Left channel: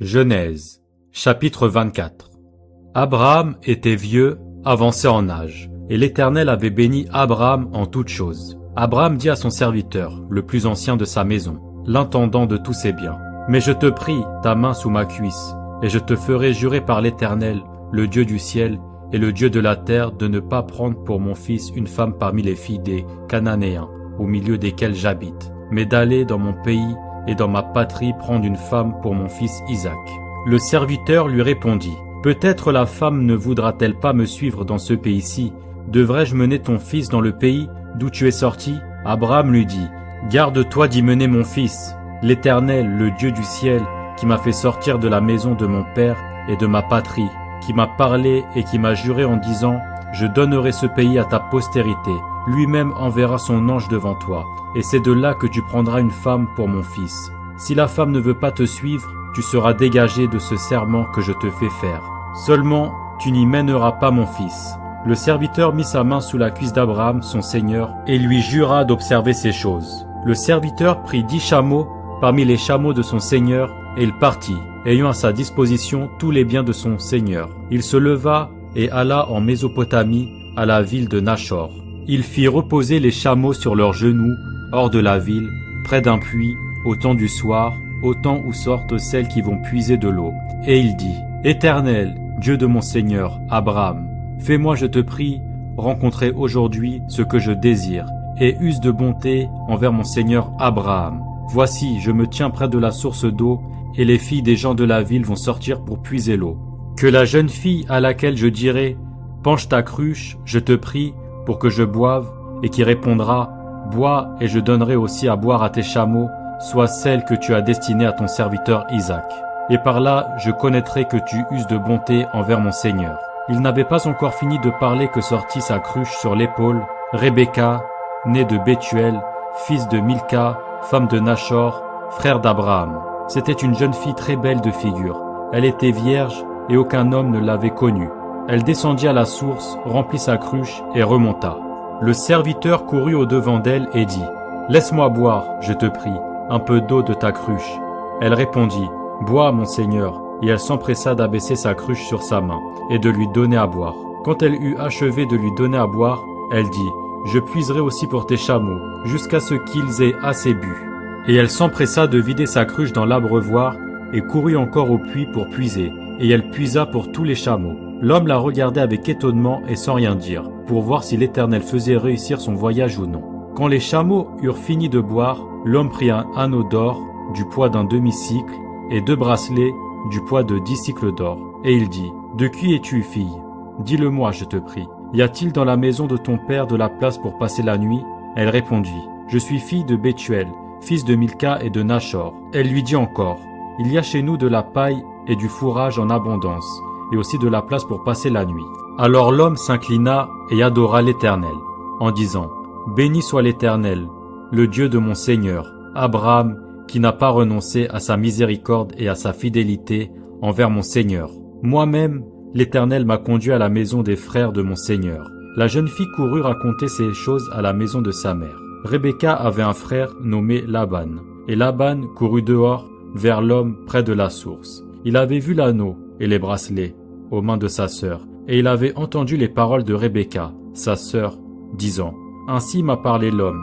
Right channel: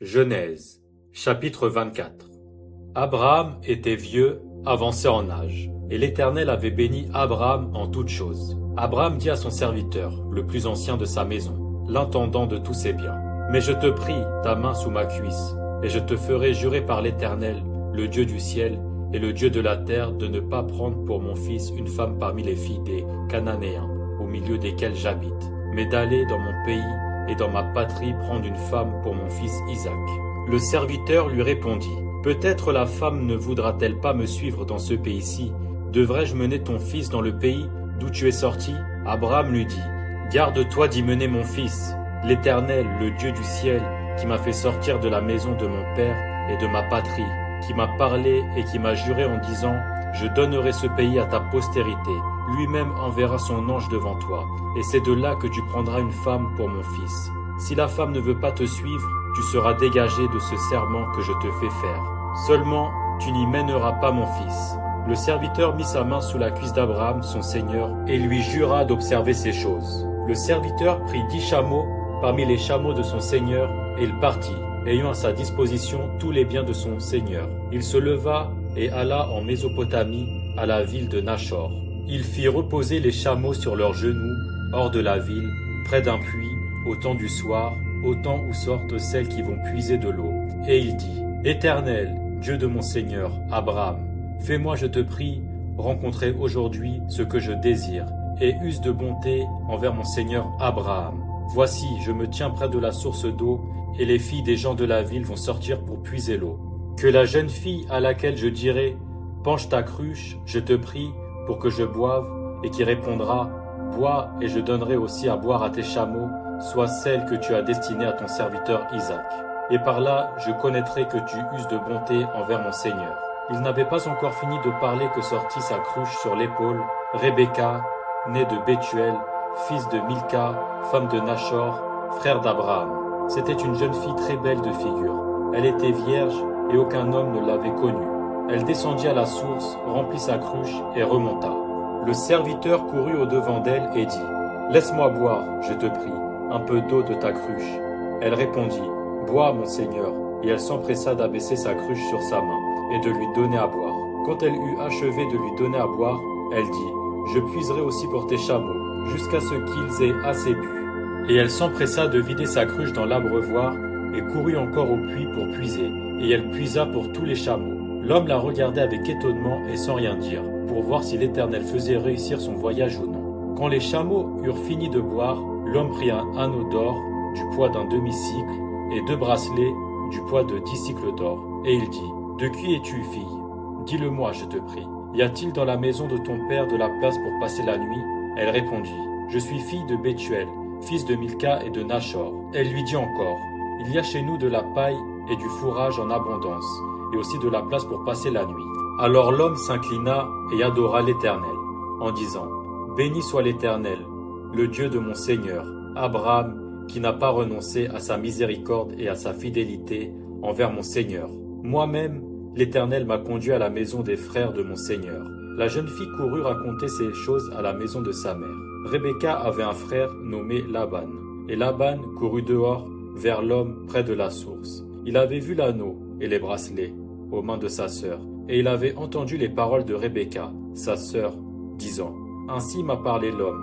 Genèse, chapitre 24. Abraham était vieux, avancé en âge, et l'Éternel avait béni Abraham en toutes choses. Abraham dit à son serviteur, le plus ancien de sa maison, l'intendant de tous ses biens, « Mais je te prie, ta main sous ma cuisse, et je te ferai jurer par l'Éternel, le Dieu du ciel et le Dieu de la terre, de ne pas prendre pour mon fils une femme parmi les filles des Cananéens, au milieu desquels j'habite, mais d'aller dans mon pays et dans ma patrie prendre une femme pour mon fils Isaac. » Le serviteur lui répondit, « Peut-être la femme ne voudra-t-elle pas me suivre dans ce pays-ci? Devrais-je mener ton fils dans le pays d'où tu es sorti ?» Abraham lui dit, « Garde-toi d'y mener mon fils. L'Éternel, le Dieu du ciel, qui m'a fait sortir de la maison de mon père et de ma patrie, qui m'a parlé et qui m'a juré en disant, « Je donnerai ce pays à ta postérité. » Lui-même enverra son ange devant toi, et c'est de là que tu prendras une femme pour mon fils. Si la femme ne veut pas te suivre, tu seras dégagé de ce serment que je te fais faire. Seulement, tu n'y mèneras pas mon fils. » Le serviteur mit sa main sous la cuisse d'Abraham, son seigneur, et lui jura d'observer ces choses. Le serviteur prit 10 chameaux parmi les chameaux de son seigneur, et il partit, ayant à sa disposition tous les biens de son seigneur. Il se leva et alla en Mésopotamie, à la ville de Nachor. Il fit reposer les chameaux sur leurs genoux, hors de la ville, près d'un puits, au temps du soir, au temps où sortent celles qui vont puiser de l'eau. Et il dit, « Éternel, Dieu de mon Seigneur, Abraham, fais-moi, je te prie, rencontrer aujourd'hui ce que je désire, et use de bonté envers mon Seigneur Abraham. Voici, je me tiens près de la source d'eau, et les filles des gens de la ville vont sortir pour puiser l'eau. Que la jeune fille à laquelle je dirai, penche ta cruche, je te prie, pour que je boive, et qui répondra, bois et je donnerai aussi à boire à tes chameaux, soit celle que tu as destinée à ton serviteur Isaac. Et par là, je connaîtrai que tu uses de bonté envers mon Seigneur. » Il n'avait pas encore fini de parler que sortit sa cruche sur l'épaule, Rebecca, née de Bethuel, fils de Milca, femme de Nachor, frère d'Abraham. C'était une jeune fille très belle de figure. Elle était vierge et aucun homme ne l'avait connue. Elle descendit à la source, remplit sa cruche et remonta. Le serviteur courut au-devant d'elle et dit, « Laisse-moi boire, je te prie, un peu d'eau de ta cruche. » Elle répondit, « Bois, mon Seigneur. » Et elle s'empressa d'abaisser sa cruche sur sa main et de lui donner à boire. Quand elle eut achevé de lui donner à boire, elle dit, « Je puiserai aussi pour tes chameaux, jusqu'à ce qu'ils aient assez bu. » Et elle s'empressa de vider sa cruche dans l'abreuvoir et courut encore au puits pour puiser, et elle puisa pour tous les chameaux. L'homme la regardait avec étonnement et sans rien dire, pour voir si l'Éternel faisait réussir son voyage ou non. Quand les chameaux eurent fini de boire, l'homme prit un anneau d'or, du poids d'un demi-cycle, et 2 bracelets, du poids de 10 cycles d'or. Et il dit, « De qui es-tu, fille? Dis-le-moi, je te prie. Y a-t-il dans la maison de ton père de la place pour passer la nuit ?» Elle répondit, « Je suis fille de Bethuel, fils de Milca et de Nachor. » Elle lui dit encore, « Il y a chez nous de la paille et du fourrage en abondance, et aussi de la place pour passer la nuit. » Alors l'homme s'inclina et adora l'Éternel, en disant, « Béni soit l'Éternel, le Dieu de mon Seigneur, Abraham, qui n'a pas renoncé à sa miséricorde et à sa fidélité envers mon Seigneur. Moi-même, l'Éternel m'a conduit à la maison des frères de mon Seigneur. » La jeune fille courut raconter ces choses à la maison de sa mère. Rebecca avait un frère nommé Laban, et Laban courut dehors vers l'homme près de la source. Il avait vu l'anneau et les bracelets aux mains de sa sœur, et il avait entendu les paroles de Rebecca, sa sœur, disant, « Ainsi m'a parlé l'homme. »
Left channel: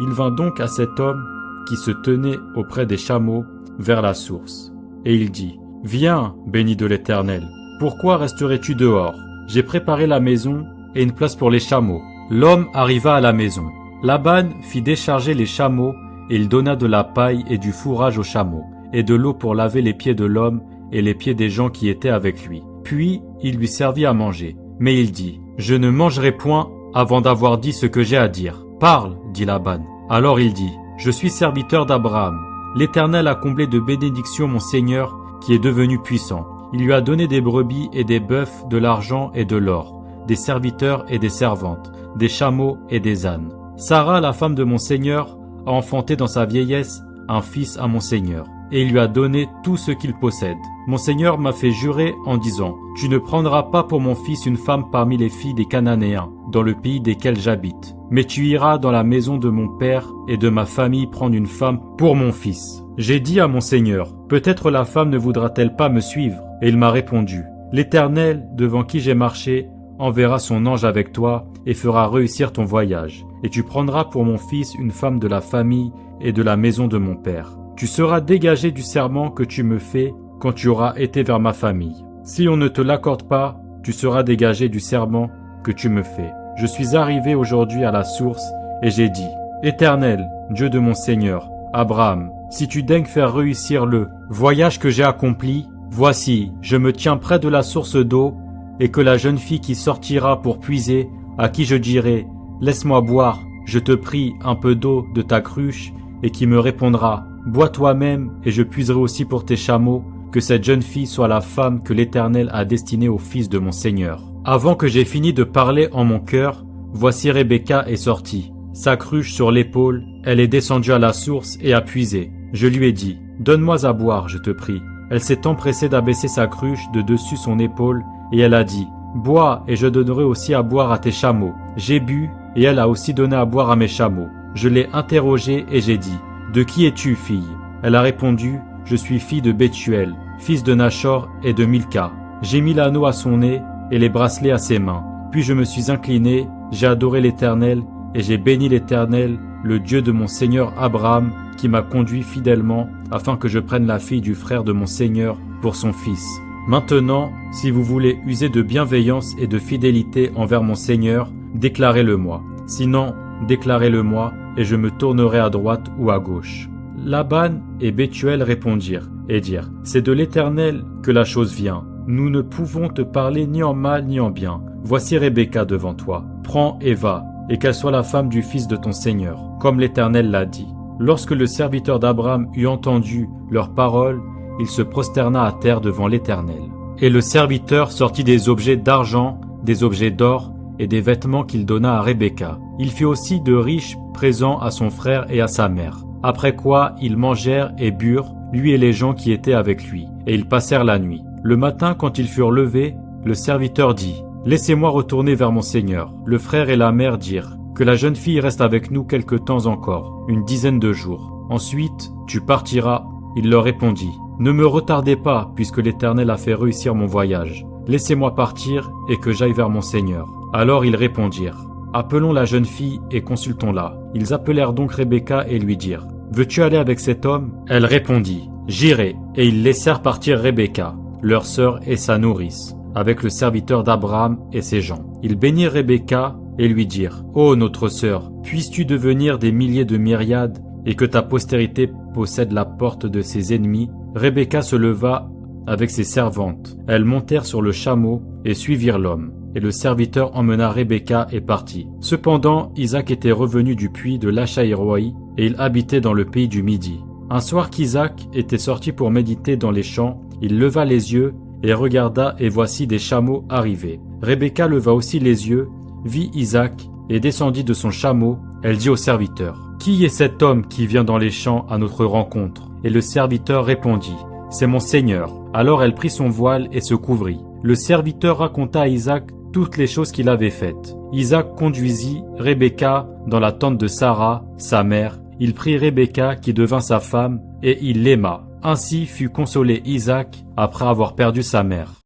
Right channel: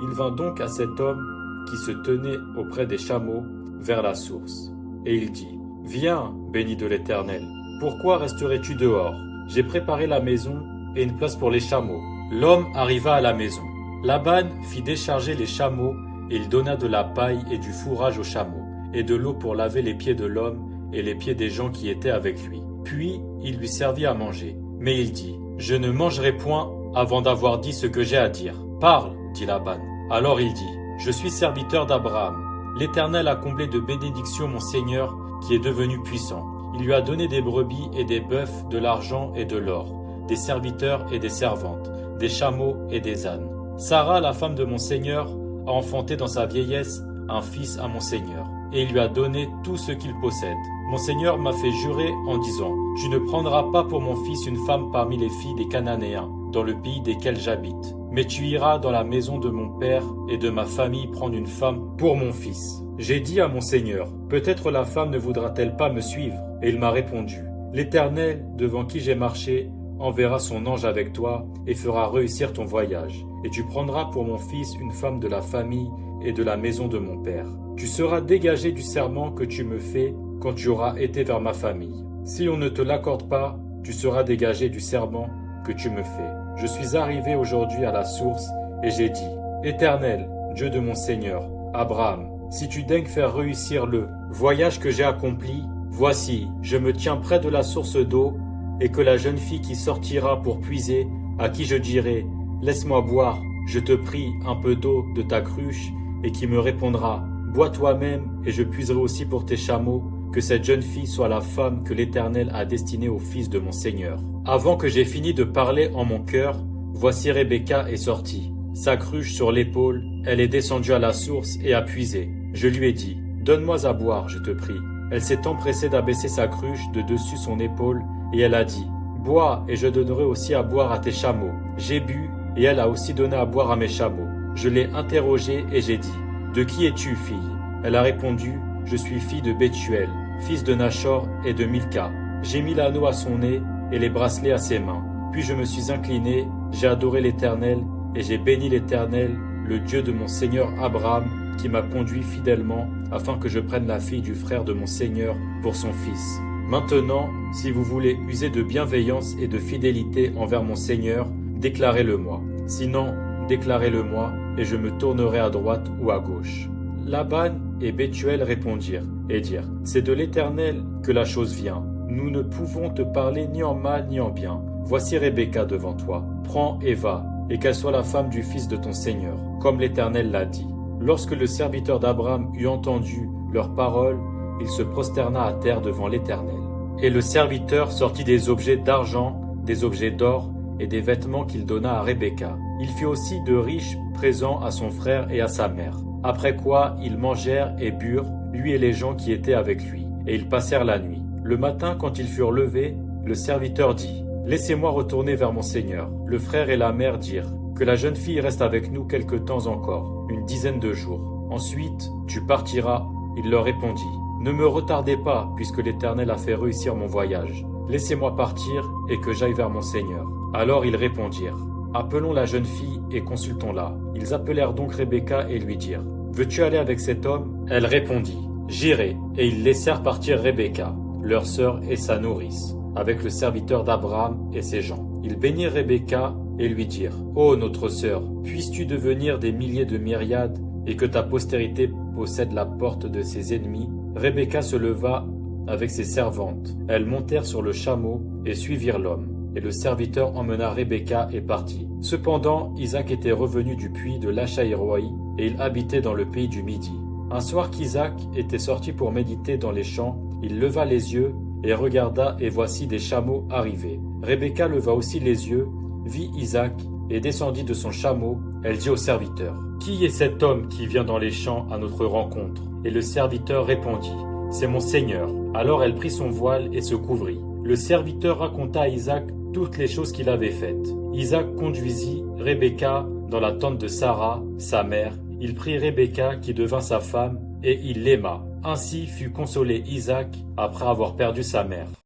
Il vint donc à cet homme qui se tenait auprès des chameaux vers la source. Et il dit, « Viens, béni de l'Éternel, pourquoi resterais-tu dehors? J'ai préparé la maison et une place pour les chameaux. » L'homme arriva à la maison. Laban fit décharger les chameaux, et il donna de la paille et du fourrage aux chameaux, et de l'eau pour laver les pieds de l'homme et les pieds des gens qui étaient avec lui. Puis il lui servit à manger. Mais il dit, « Je ne mangerai point avant d'avoir dit ce que j'ai à dire. »« Parle, dit Laban. » Alors il dit, « Je suis serviteur d'Abraham. L'Éternel a comblé de bénédictions mon Seigneur, qui est devenu puissant. Il lui a donné des brebis et des bœufs, de l'argent et de l'or, des serviteurs et des servantes, des chameaux et des ânes. Sarah, la femme de mon Seigneur, a enfanté dans sa vieillesse un fils à mon Seigneur, et il lui a donné tout ce qu'il possède. mon Seigneur m'a fait jurer en disant, tu ne prendras pas pour mon fils une femme parmi les filles des Cananéens, dans le pays desquels j'habite, mais tu iras dans la maison de mon père et de ma famille prendre une femme pour mon fils. J'ai dit à mon Seigneur, peut-être la femme ne voudra-t-elle pas me suivre? Et il m'a répondu, l'Éternel, devant qui j'ai marché, enverra son ange avec toi et fera réussir ton voyage. Et tu prendras pour mon fils une femme de la famille et de la maison de mon père. Tu seras dégagé du serment que tu me fais quand tu auras été vers ma famille. Si on ne te l'accorde pas, tu seras dégagé du serment que tu me fais. Je suis arrivé aujourd'hui à la source et j'ai dit, Éternel, Dieu de mon Seigneur, Abraham, si tu daignes faire réussir le voyage que j'ai accompli, voici, je me tiens près de la source d'eau, et que la jeune fille qui sortira pour puiser, à qui je dirai, laisse-moi boire, je te prie, un peu d'eau de ta cruche, et qui me répondra, bois toi-même, et je puiserai aussi pour tes chameaux, que cette jeune fille soit la femme que l'Éternel a destinée au fils de mon Seigneur. Avant que j'aie fini de parler en mon cœur, voici Rebecca est sortie. Sa cruche sur l'épaule, elle est descendue à la source et a puisé. Je lui ai dit, donne-moi à boire, je te prie. Elle s'est empressée d'abaisser sa cruche de dessus son épaule, et elle a dit, bois, et je donnerai aussi à boire à tes chameaux. J'ai bu, et elle a aussi donné à boire à mes chameaux. Je l'ai interrogée et j'ai dit, de qui es-tu, fille? Elle a répondu, je suis fille de Bethuel, fils de Nachor et de Milka. J'ai mis l'anneau à son nez et les bracelets à ses mains. Puis je me suis incliné, j'ai adoré l'Éternel, et j'ai béni l'Éternel, le Dieu de mon Seigneur Abraham, qui m'a conduit fidèlement, afin que je prenne la fille du frère de mon Seigneur pour son fils. Maintenant, si vous voulez user de bienveillance et de fidélité envers mon Seigneur, déclarez-le-moi. Sinon, déclarez-le-moi, et je me tournerai à droite ou à gauche. Laban et Bethuel répondirent et dirent, c'est de l'Éternel que la chose vient. Nous ne pouvons te parler ni en mal ni en bien. Voici Rebecca devant toi. Prends et va, et qu'elle soit la femme du fils de ton Seigneur, comme l'Éternel l'a dit. Lorsque le serviteur d'Abraham eut entendu leurs paroles, il se prosterna à terre devant l'Éternel. Et le serviteur sortit des objets d'argent, des objets d'or et des vêtements qu'il donna à Rebecca. Il fit aussi de riches présents à son frère et à sa mère. Après quoi, ils mangèrent et burent, lui et les gens qui étaient avec lui, et ils passèrent la nuit. Le matin, quand ils furent levés, le serviteur dit, « Laissez-moi retourner vers mon Seigneur. » Le frère et la mère dirent, « Que la jeune fille reste avec nous quelque temps encore, une dizaine de jours. Ensuite, tu partiras. » Il leur répondit, « Ne me retardez pas, puisque l'Éternel a fait réussir mon voyage. Laissez-moi partir et que j'aille vers mon Seigneur. » Alors ils répondirent, « Appelons la jeune fille et consultons-la. » Ils appelèrent donc Rebecca et lui dirent, « Veux-tu aller avec cet homme ?» Elle répondit, « J'irai. » Et ils laissèrent partir Rebecca, leur sœur et sa nourrice, avec le serviteur d'Abraham et ses gens. Ils bénirent Rebecca et lui dirent, « Ô notre sœur, puisses-tu devenir des milliers de myriades et que ta postérité possède la porte de ses ennemis ?» Rebecca se leva avec ses servantes. Elles montèrent sur le chameau et suivirent l'homme. Et le serviteur emmena Rebecca et partit. Cependant, Isaac était revenu du puits de Lachaïroï et il habitait dans le pays du Midi. Un soir qu'Isaac était sorti pour méditer dans les champs, il leva les yeux et regarda, et voici des chameaux arriver. Rebecca leva aussi les yeux, vit Isaac et descendit de son chameau. Elle dit au serviteur, « Qui est cet homme qui vient dans les champs à notre rencontre ?» Et le serviteur répondit, « C'est mon Seigneur. » Alors elle prit son voile et se couvrit. Le serviteur raconta à Isaac toutes les choses qu'il avait faites. Isaac conduisit Rebecca dans la tente de Sarah, sa mère. Il prit Rebecca qui devint sa femme et il l'aima. Ainsi fut consolé Isaac après avoir perdu sa mère.